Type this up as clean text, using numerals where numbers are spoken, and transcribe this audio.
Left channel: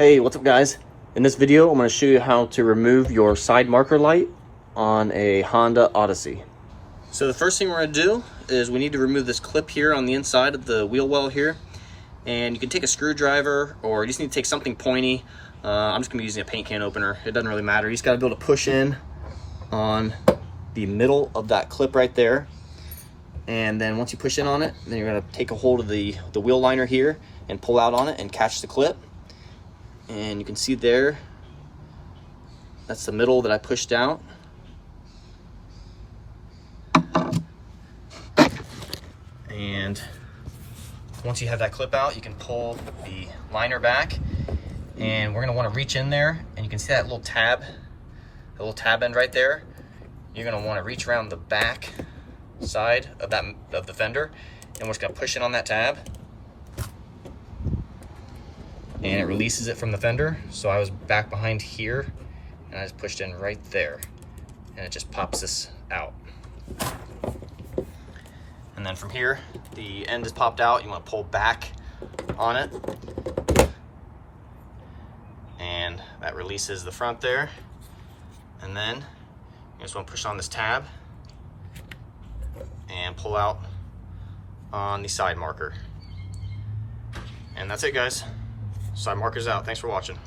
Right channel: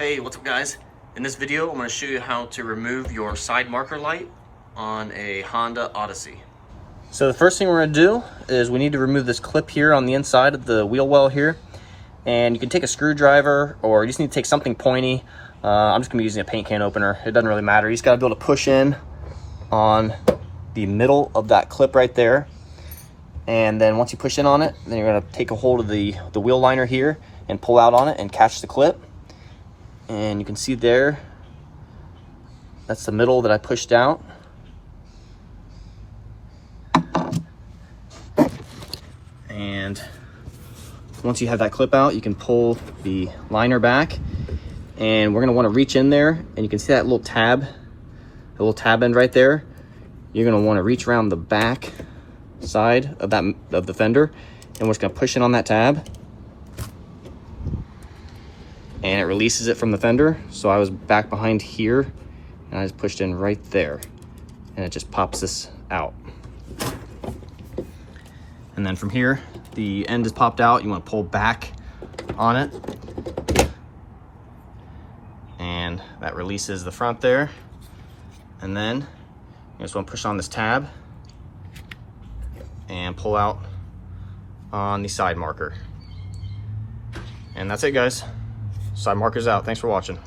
Hey, what's up guys? In this video, I'm going to show you how to remove your side marker light on a Honda Odyssey. So the first thing we're going to do is we need to remove this clip here on the inside of the wheel well here. And you can take a screwdriver, or you just need to take something pointy. I'm just going to be using a paint can opener. It doesn't really matter. You just got to be able to push in on the middle of that clip right there. And then once you push in on it, then you're going to take a hold of the wheel liner here and pull out on it and catch the clip. And you can see there, that's the middle that I pushed out. And once you have that clip out, you can pull the liner back, and we're gonna wanna reach in there, and you can see that little tab end right there. You're gonna wanna reach around the back side of the fender, and we're just gonna push in on that tab. And it releases it from the fender. So I was back behind here and I just pushed in right there, and it just pops this out. And then from here, the end is popped out. You want to pull back on it, and that releases the front there. And then you just want to push on this tab and pull out on the side marker. And that's it, guys. Side marker's out. Thanks for watching.